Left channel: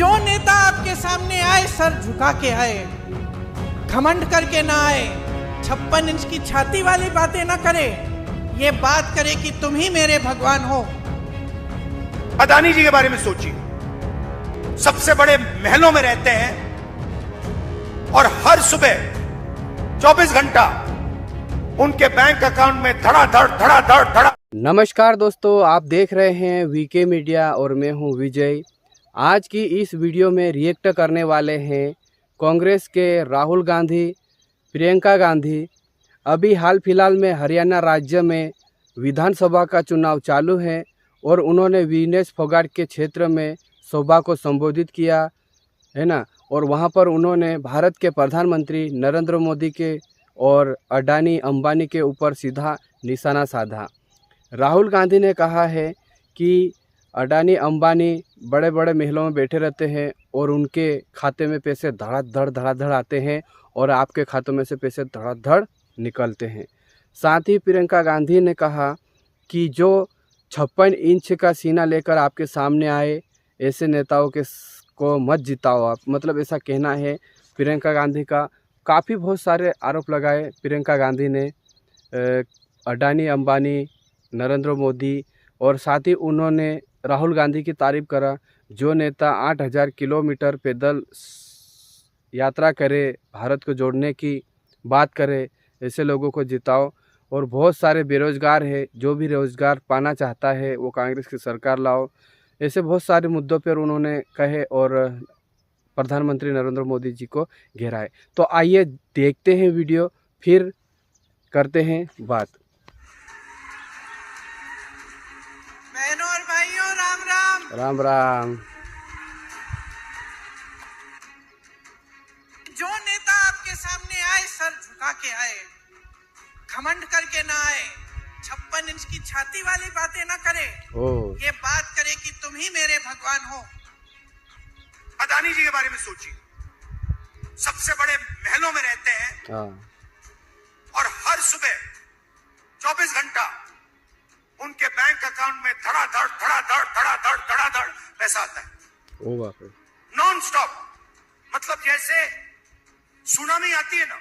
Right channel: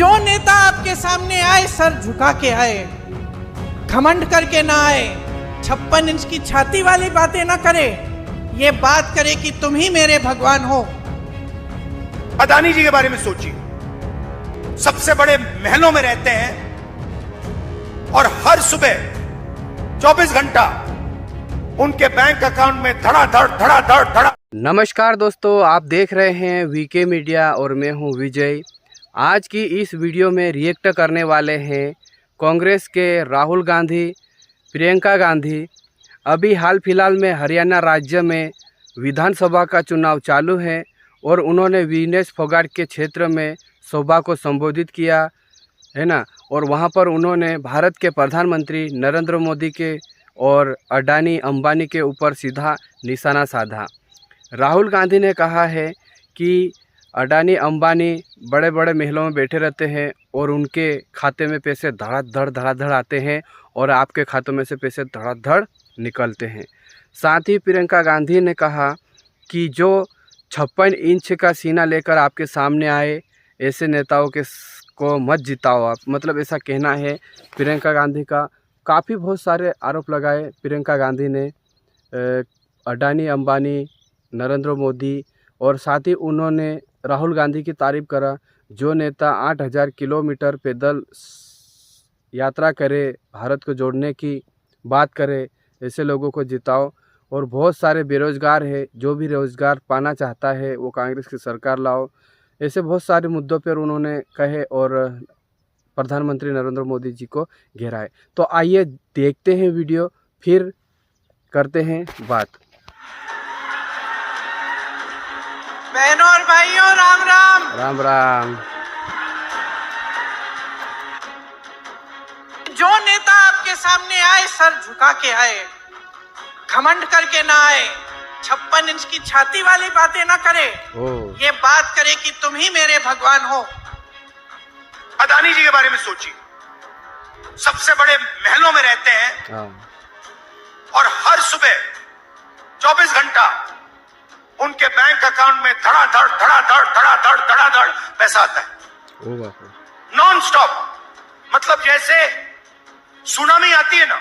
जो नेता आपके सामने आए सर झुका के आए, घमंड करके ना आए, 56 इंच की छाती वाली बातें ना करे, ये बात करे कि तुम ही मेरे भगवान हो। अदानी जी के बारे में सोचिए, सबसे बड़े महलों में रहते हैं और हर सुबह 24 घंटा उनके बैंक अकाउंट में धड़ा। नमस्कार दोस्तों, आप देख रहे हैं वीके मीडिया और मैं हूं विजय। आज की इस वीडियो में रिएक्ट करने वाले हैं कांग्रेस के राहुल गांधी, प्रियंका गांधी। अभी हाल फिलहाल में हरियाणा राज्य में विधानसभा का चुनाव चालू है और उन्होंने विनेश फोगाट के क्षेत्र में सभा को संबोधित किया है ना, और वहां पर उन्होंने भारत के प्रधानमंत्री नरेंद्र मोदी के और अडानी अंबानी के ऊपर सीधा निशाना साधा। राहुल गांधी ने कहा है कि अडानी अंबानी बड़े बड़े महलों में बैठे रहते हैं और उनके खाते में पैसे धड़ाधड़ आते हैं और आपके खातों में से पैसे धड़ाधड़ निकलते हैं। साथ ही प्रियंका गांधी ने कहा कि जो 56 इंच का सीना लेकर आपके सामने आए, ऐसे नेताओं को मत जिताओ आप, मतलब ऐसा कहना है प्रियंका गांधी का। काफ़ी बहुत सारे आरोप लगाए प्रियंका गांधी ने अडानी अंबानी, नरेंद्र मोदी, और साथ ही उन्होंने राहुल गांधी की तारीफ करा। जो नेता 8000 किलोमीटर पैदल यात्रा करे, भारत को जोड़ने की बात करे, ऐसे लोगों को जिताओ। और बहुत सारे बेरोजगार है, जो भी रोजगार पाना चाहता है वो कांग्रेस की सरकार लाओ। ऐसे बहुत सारे मुद्दों पर उन्होंने कहे और प्रधानमंत्री नरेंद्र मोदी जी को घेराए। तो आइए देखते हैं वीडियो, फिर करते हैं बात। बहनों और भाइयों, राम राम। राम राम। जो नेता आपके सामने आए सर झुका के आए, घमंड करके ना आए, 56 इंच की छाती वाली बातें ना करे, ये बात करे कि तुम ही मेरे भगवान हो। अदानी जी के बारे में सोचिए, सबसे बड़े महलों में रहते हैं और हर सुबह 24 घंटा उनके बैंक अकाउंट में धड़ाधड़ पैसा आता है, नॉन स्टॉप। मतलब जैसे सुनामी आती है ना,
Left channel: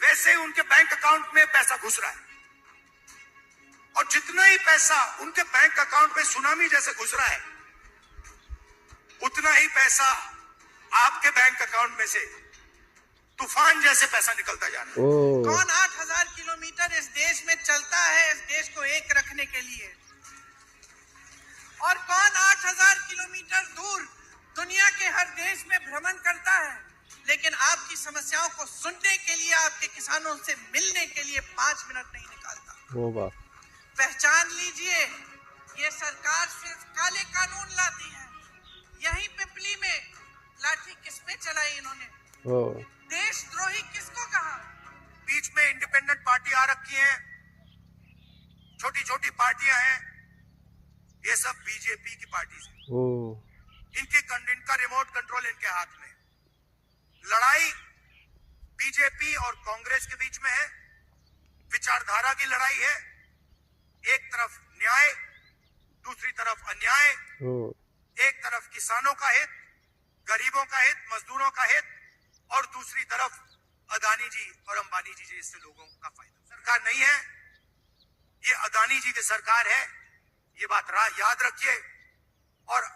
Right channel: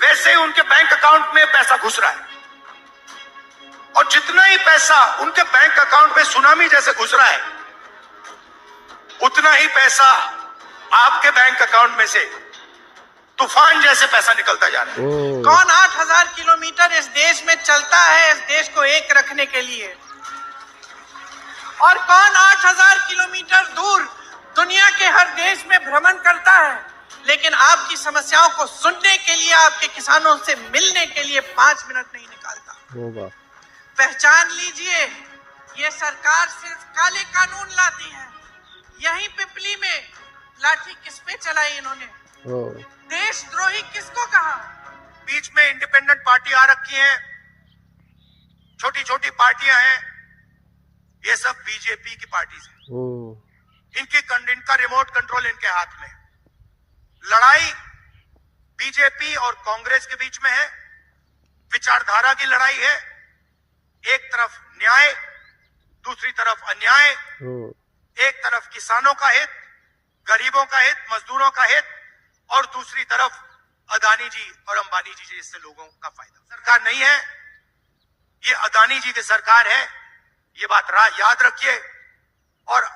वैसे ही उनके बैंक अकाउंट में पैसा घुस रहा है। और जितना ही पैसा उनके बैंक अकाउंट में सुनामी जैसे घुस रहा है, उतना ही पैसा आपके बैंक अकाउंट में से तूफान जैसे पैसा निकलता जा रहा है। कौन 8000 किलोमीटर इस देश में चलता है इस देश को एक रखने के लिए, और कौन 8000 किलोमीटर दूर दुनिया के हर देश में भ्रमण करता है, लेकिन आपकी समस्याओं को सुनने के लिए, आपके किसानों से मिलने के लिए 5 मिनट नहीं निकालता। पहचान लीजिए, ये सरकार सिर्फ काले कानून लाती है। यही पिपली में लाठी किस पे चलाई इन्होंने, देशद्रोही किसको कहा। बीच में इंडिपेंडेंट पार्टी आ रखी है, छोटी छोटी पार्टियां हैं, ये सब बीजेपी की पार्टी है। इनका रिमोट कंट्रोल इनके हाथ में। लड़ाई बीजेपी और कांग्रेस के बीच में है, विचारधारा की लड़ाई है। एक तरफ न्याय, दूसरी तरफ अन्याय। एक तरफ किसानों का हित, गरीबों का हित, मजदूरों का हित, और दूसरी तरफ अदानी जी और अंबानी जी जैसे लोगों का फायदा। सरकार नहीं है, ये अदानी जी की सरकार है, ये बात याद रखिए। और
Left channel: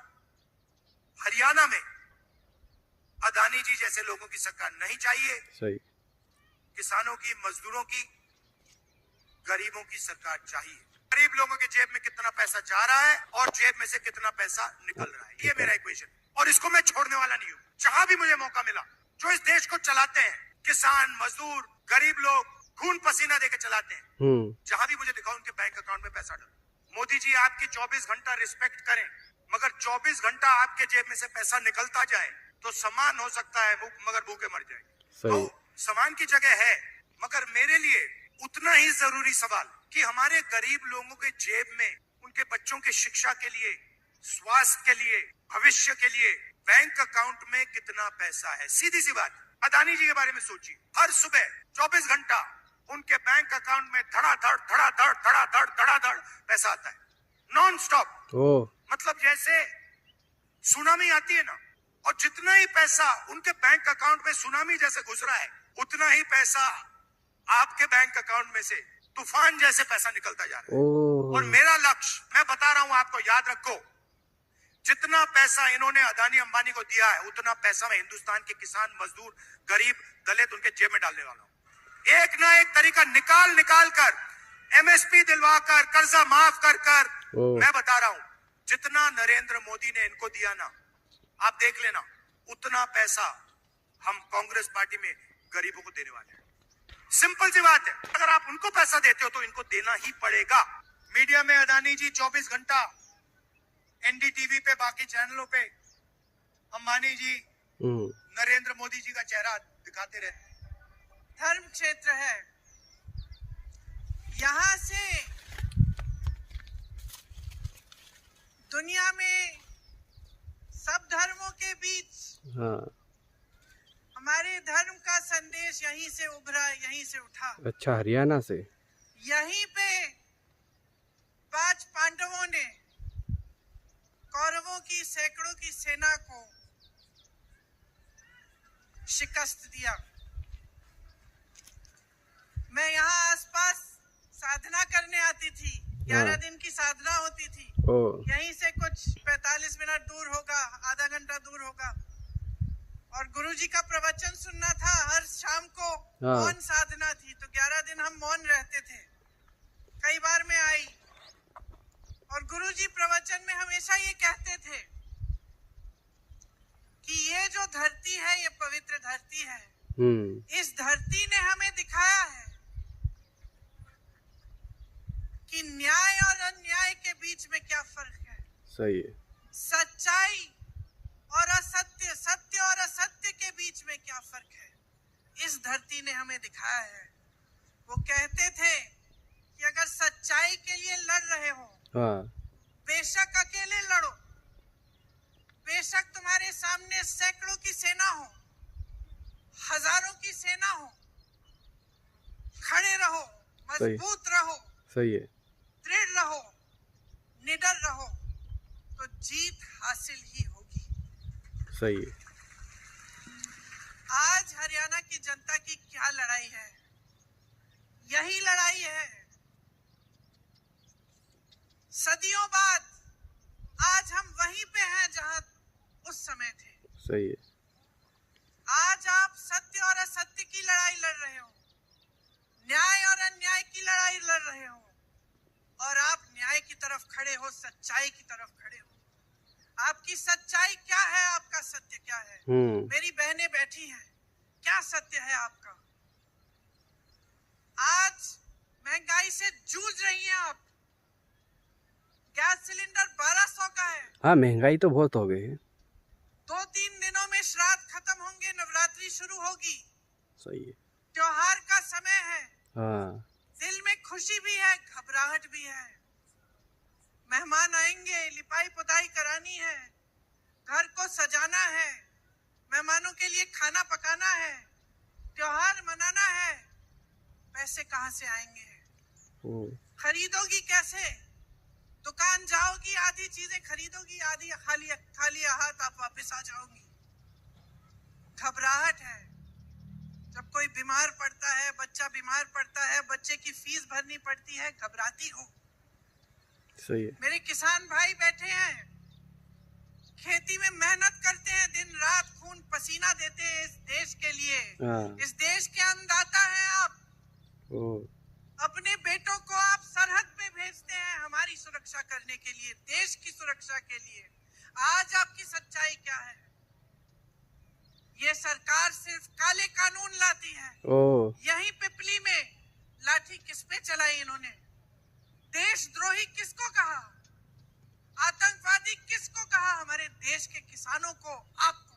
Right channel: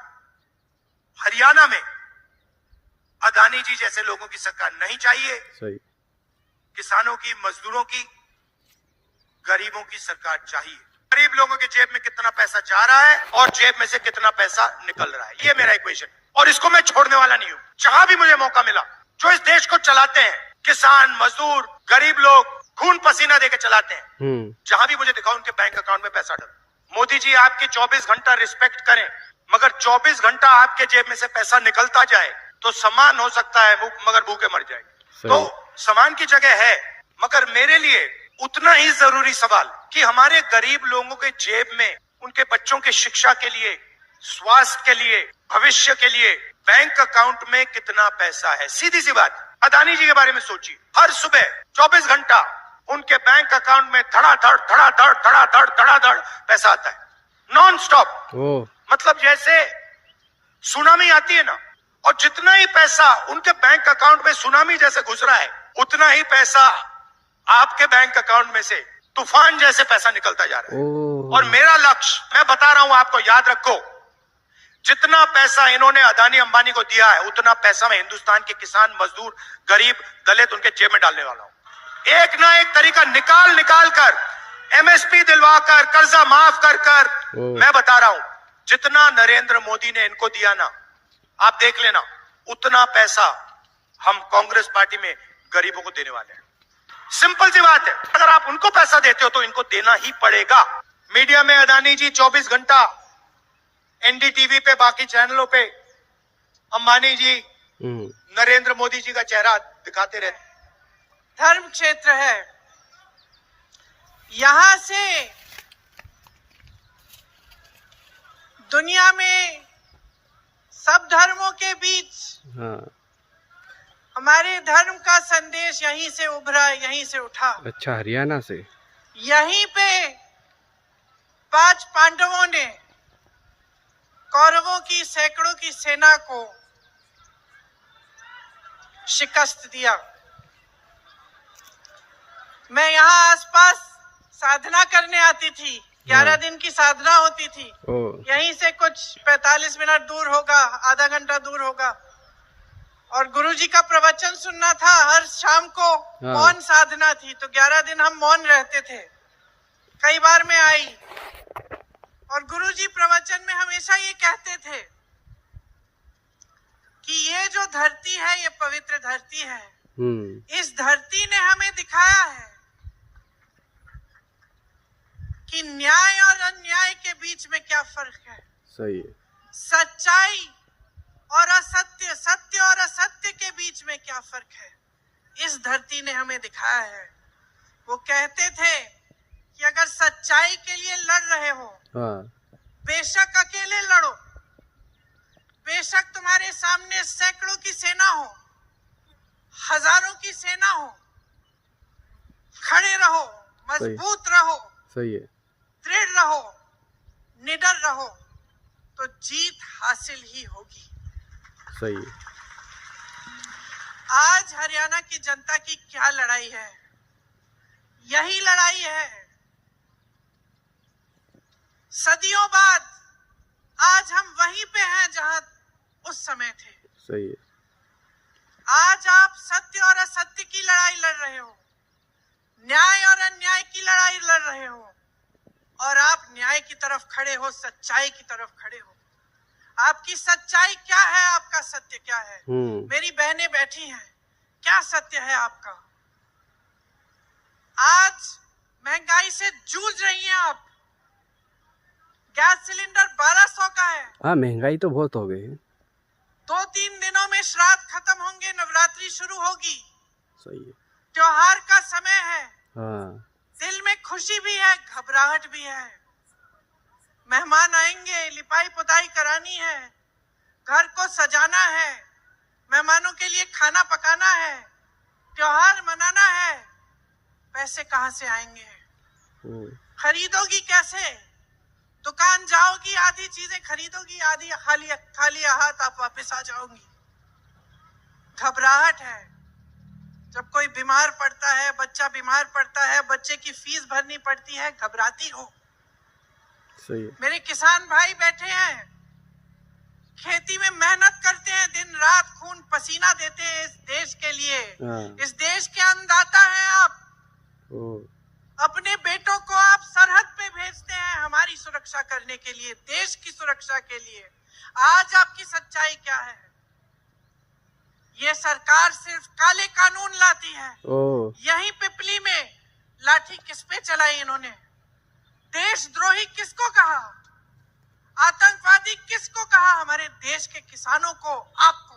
हरियाणा में अदानी जी जैसे लोगों की सरकार नहीं चाहिए। सही। किसानों की, मजदूरों की, गरीबों की सरकार चाहिए। गरीब लोगों के जेब में कितना पैसा जा रहा है और जेब में से कितना पैसा निकल रहा है, ये मेरा इक्वेशन, और इसको मैं छोड़ने वाला नहीं हूं। जहां भी मुझे मौका मिला, जो इस देश को चलाते हैं, किसान, मजदूर, गरीब लोग खून पसीना देकर चलाते हैं, जहां भी मुझे दिखा उनके बैंक अकाउंट में पैसा डला। मोदी जी आपकी 24 घंटा रिस्पेक्ट करें, मगर 24 घंटा आपके जेब में से पैसा निकलता जाए तो सम्मान हो सकता है, मगर भूखे मर जाएंगे। तो सम्मान की जगह है, मगर मेरे लिए उतना ही जरूरी सवाल कि हमारे गरीब लोगों के जेब में उनके बच्चों के शिक्षा के लिए, स्वास्थ्य के लिए, भविष्य के लिए बैंक अकाउंट में कितना पैसा है। सीधी सी बात। अदानी जी के बारे में सोचिए, हर सुबह 24 घंटा उनके बैंक अकाउंट में धड़ाधड़ पैसा आता है, नॉन स्टॉप। मतलब जैसे सुनामी आती है ना, और जितना ही पैसा उनके बैंक अकाउंट में सुनामी जैसे घुस रहा है, उतना ही पैसा आपके बैंक अकाउंट में से तूफान जैसे पैसा निकलता जा रहा है। और मेरा लक्ष्य, मैं बता रहा हूं आपको, याद रखो, जितना पैसा इन्होंने अदानी अंबानी को दिया है, उतना पैसा मैं हिंदुस्तान के किसान, मजदूर, गरीब, दलित उनके जेब में डालने वाला हूं। एक ना एक तरीका निकाल कर, एमएसपी दिलवा कर, कर्जा माफ कर मैं बता रहा हूं, जितना नरेंद्र मोदी ने इनको दिया ना, आप देख लेना, उतना पैसा हम कांग्रेस पार्टी में गरीबों को देने वाले हैं। सिंपल सी बात है, अगर आप उनको पैसा देते हो तो इनको देना ही पड़ेगा। मीडिया में अदानी जी 24 घंटा एनडीटीवी पे, बाकी चैनलों पे अंबानी जी, नरेंद्र मोदी जी का चेहरा दिखाते रहते। धर्म क्षेत्र है, यहां से दुनिया में सब धर्मों के बीच हमारे धर्म का संदेश यहीं से उभरा, यहीं से उठा। अच्छा, हरियाणा से। यहीं पे 5 पांडवों ने कौरवों की सैकड़ों की सेना को शिकस्त दिया। मैं यहाँ आसपास साधना करने आती थी, 11 दिन की साधना होती थी। यहीं से कुछ 45 मिनट दूर होगा, आधा घंटा दूर होगा, और गुरुजी का प्रवचन सुनना था। हर शाम को मौन साधना थी, तो 11 दिन हम मौन रहते थे। कई बार मैं आई और गुरुजी प्रवचन में हमेशा ये कहते थे कि ये जो धरती है, ये पवित्र धरती है। इस धरती ने हमें दिखाया है कि न्याय और अन्याय के बीच में क्या फर्क है। सही है। सच्चाई और असत्य, सत्य और असत्य के बीच में क्या फर्क है, इस धरती ने हमें दिखाया है। वो कहते थे कि अगर सच्चाई के लिए लड़ रहे हो, बेशक अकेले लड़ो, बेशक तुम्हारे सामने सैकड़ों की सेना हो, हजारों की सेना हो, खड़े रहो, मजबूत रहो, सही है, दृढ़ रहो, निडर रहो, तो जीत हासिल ही होगी। सही है। आज हरियाणा की जनता की क्या लड़ाई है? यही लड़ाई है। सदियों बाद आज हम वहीं पे हैं जहां उस समय थे। सही है। आज आप सत्य और असत्य की लड़ाई लड़ रहे हो, न्याय और अन्याय की लड़ाई लड़ रहे हो, और आप न्याय की तरफ खड़े हो, सच्चाई की तरफ खड़े हो। आपकी सच्चाई क्या है, आपका सत्य क्या है? मेरी बहनें बैठी हैं, क्या सत्य है आपका? आज महंगाई से जूझ रही हैं आप। गैस सिलेंडर 1200 का है। हाँ, महंगाई तो बहुत हो गई है। 2-3 दिनों में श्राद्ध खत्म होंगे, नवरात्रि शुरू होगी। सही है। त्योहार का समय है। हाँ। दिल में खुशी भी है, घबराहट भी है। मेहमान आएंगे, लिपाई पुताई करानी है, घर को सजाना है, मेहमानों के लिए खाना पकाना है, त्योहार मनाना है। पैसे कहाँ से आएंगे? खरीदोगी कैसे? दुकान जाओगी, आधी चीजें खरीदोगी, आधी खाली हाथ आप वापस आ जाओगी। घबराहट है। जब कोई बीमार पड़ता है, बच्चा बीमार पड़ता है, बच्चे की फीस भरनी पड़ती है, घबराती हो। सही है। मेरे किसान भाई बैठे हैं, खेती में मेहनत करते हैं, दिन रात खून पसीना देते हैं इस देश के लिए। इस देश के अन्नदाता हैं आप। अपने बेटों को आप सरहद पे भेजते हैं हमारी सुरक्षा करने के लिए, देश की सुरक्षा के लिए। आज आपकी सच्चाई क्या है? ये सरकार सिर्फ काले कानून लाती है। यहीं पिपली में लाठी किस पे चलाई इन्होंने? देशद्रोही किसको कहा? आतंकवादी किसको कहा? हमारे देश के किसानों को, आपको।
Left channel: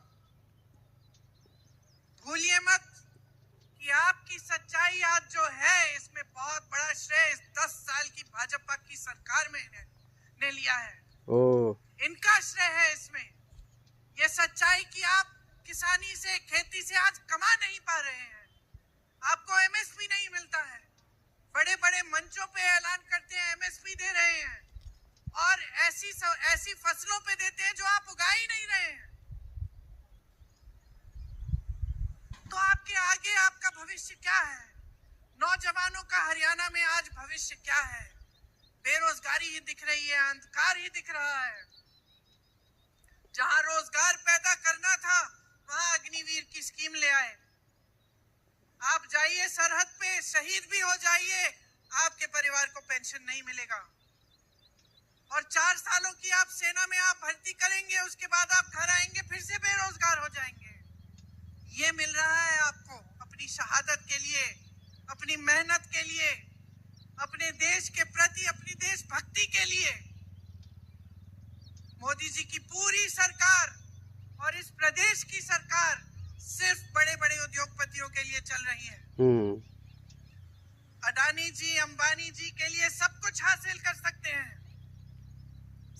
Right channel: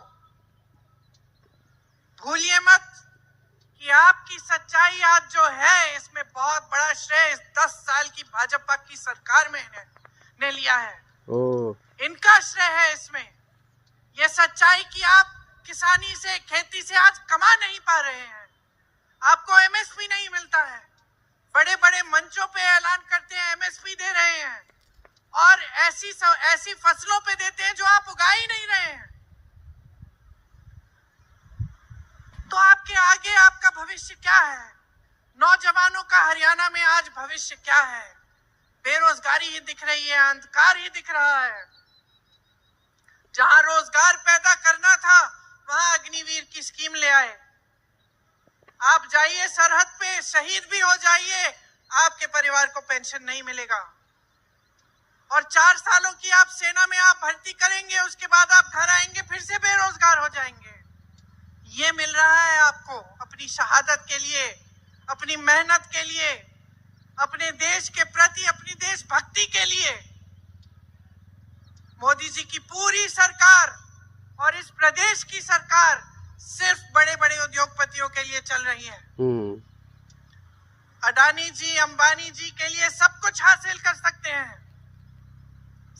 भूलिए मत कि आपकी सच्चाई आज जो है, इसमें बहुत बड़ा श्रेय इस 10 साल की भाजपा की सरकार में ने लिया है। इनका श्रेय है इसमें। ये सच्चाई कि आप किसानी से, खेती से आज कमा नहीं पा रहे हैं, आपको एमएसपी नहीं मिलता है। बड़े बड़े मंचों पे ऐलान करते हैं एमएसपी दे रहे हैं, और ऐसी फसलों पे देते हैं जो आप उगा ही नहीं रहे हैं। तो आपके आगे आपका भविष्य क्या है? नौजवानों का हरियाणा में आज भविष्य क्या है? बेरोजगारी ही दिख रही है, अंधकार ही दिख रहा है। जहां रोजगार पैदा करना था वहां अग्निवीर की स्कीम ले आए। आप जाइए सरहद पे, शहीद भी हो जाइए, आपके परिवार को पेंशन नहीं मिलेगा। और 4 सालों की आप सेना में आप भर्ती करेंगे, उसके बाद आप घर आएंगे फिर से बेरोजगार हो जाएंगे। ये मिल रहा है आपको अपनी शहादत के लिए, अपनी मेहनत के लिए, अपने देश के प्रति, अपनी देशभक्ति के लिए। मोदी जी की पूरी सरकार और इस प्रदेश की सरकार सिर्फ बड़े बड़े उद्योगपतियों के लिए चल रही है। अडानी जी, अंबानी जी के लिए सब कुछ हासिल कर सकते हैं,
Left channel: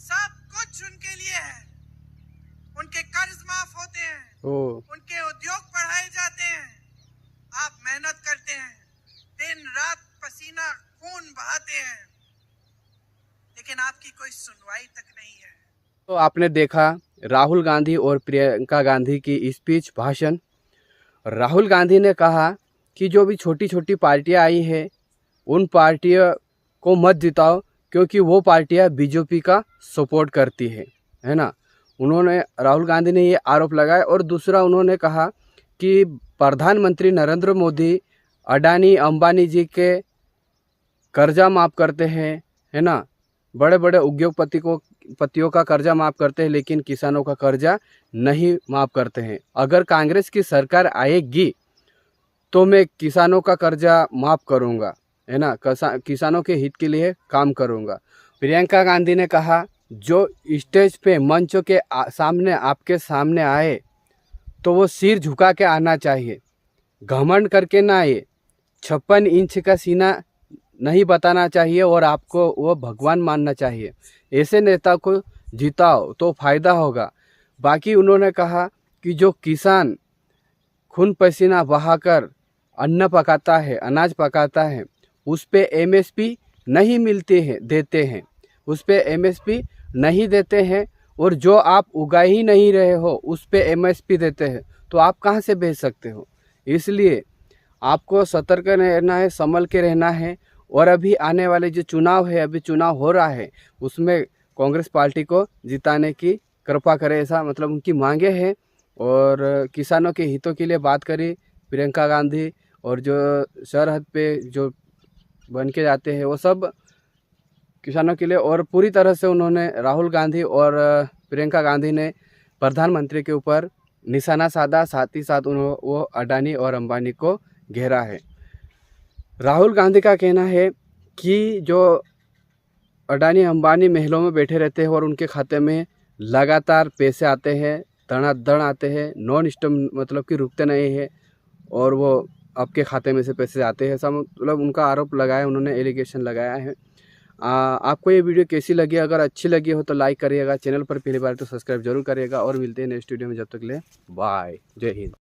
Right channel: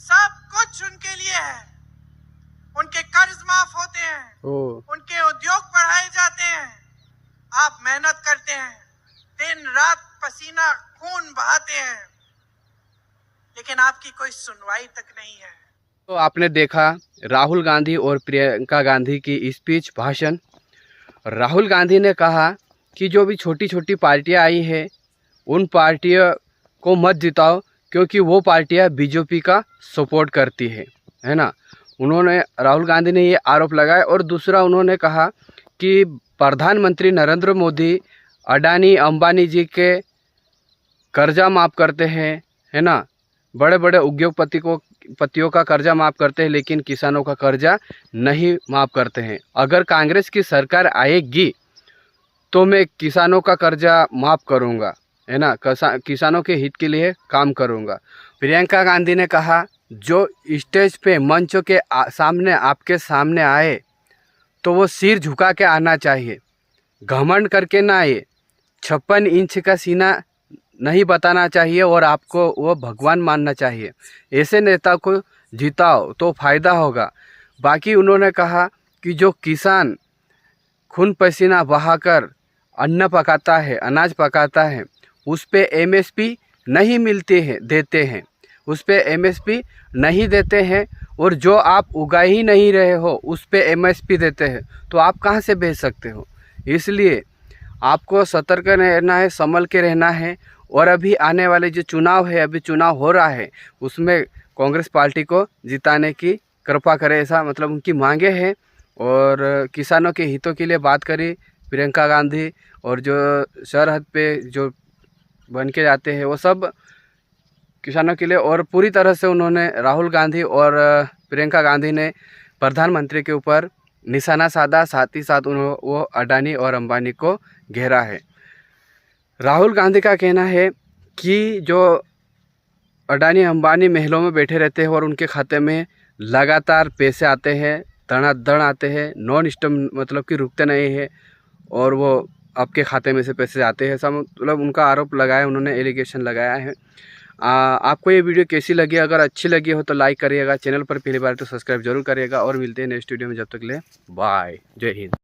सब कुछ उनके लिए है। उनके कर्ज माफ होते हैं, उनके उद्योग बढ़ाए जाते हैं। आप मेहनत करते हैं, दिन रात पसीना खून बहाते हैं, लेकिन आपकी कोई सुनवाई तक नहीं है। तो आपने देखा राहुल गांधी और प्रियंका गांधी की स्पीच, भाषण। राहुल गांधी ने कहा कि जो भी छोटी छोटी पार्टियां आई है उन पार्टियों को मत जिताओ, क्योंकि वो पार्टियां बीजेपी का सपोर्ट करती है ना। उन्होंने, राहुल गांधी ने ये आरोप लगाया। और दूसरा उन्होंने कहा कि प्रधानमंत्री नरेंद्र मोदी अडानी अंबानी जी के कर्जा माफ़ करते हैं, है ना। बड़े बड़े उद्योगपतियों का कर्जा माफ़ करते हैं, लेकिन किसानों का कर्जा नहीं माफ़ करते हैं। अगर कांग्रेस की सरकार आएगी तो मैं किसानों का कर्जा माफ़ करूंगा, है ना, किसानों के हित के लिए काम करूंगा। प्रियंका गांधी ने कहा जो स्टेज पे, मंचों के सामने आपके सामने आए तो वो सिर झुका के आना चाहिए, घमंड करके ना आए। 56 इंच का सीना नहीं बताना चाहिए और आपको वो भगवान मानना चाहिए। ऐसे नेता को जिताओ तो फायदा होगा। बाकी उन्होंने कहा कि जो किसान खून पसीना बहाकर अन्न पकाता है, अनाज पकाता है, उस पे एमएसपी नहीं देते हैं, उस पे एमएसपी नहीं देते हैं। और जो आप उगा ही नहीं रहे हो उस पे एमएसपी देते हैं, तो आप कहाँ से बेच सकते हो? इसलिए आपको सतर्क रहना है, संभल के रहना है। और अभी आने वाले जो चुनाव है, अभी चुनाव हो रहा है, उसमें कांग्रेस पार्टी को जिताने की कृपा करें, ऐसा मतलब उनकी मांगे हैं। और किसानों के हितों के लिए बात करी प्रियंका गांधी। और जो सरहद पे जो बन के जाते हैं वो सब किसानों के लिए। और पूरी तरह से उन्होंने, राहुल गांधी और प्रियंका गांधी ने प्रधानमंत्री के ऊपर निशाना साधा, साथ ही साथ वो अडानी और अंबानी को घेरा है। राहुल गांधी का कहना है कि जो अडानी अंबानी महलों में बैठे रहते हैं और उनके खाते में लगातार पैसे आते हैं, धड़ाधड़ आते हैं, नॉन स्टॉप, मतलब कि रुकते नहीं है, और वो आपके खाते में से पैसे आते हैं, सब मतलब उनका आरोप लगाया, उन्होंने एलिगेशन लगाया है। आपको ये वीडियो कैसी लगी? अगर अच्छी लगी हो तो लाइक करिएगा, चैनल पर पहली बार तो सब्सक्राइब जरूर करिएगा। और मिलते हैं नेक्स्ट वीडियो में, जब तक ले बाय, जय हिंद।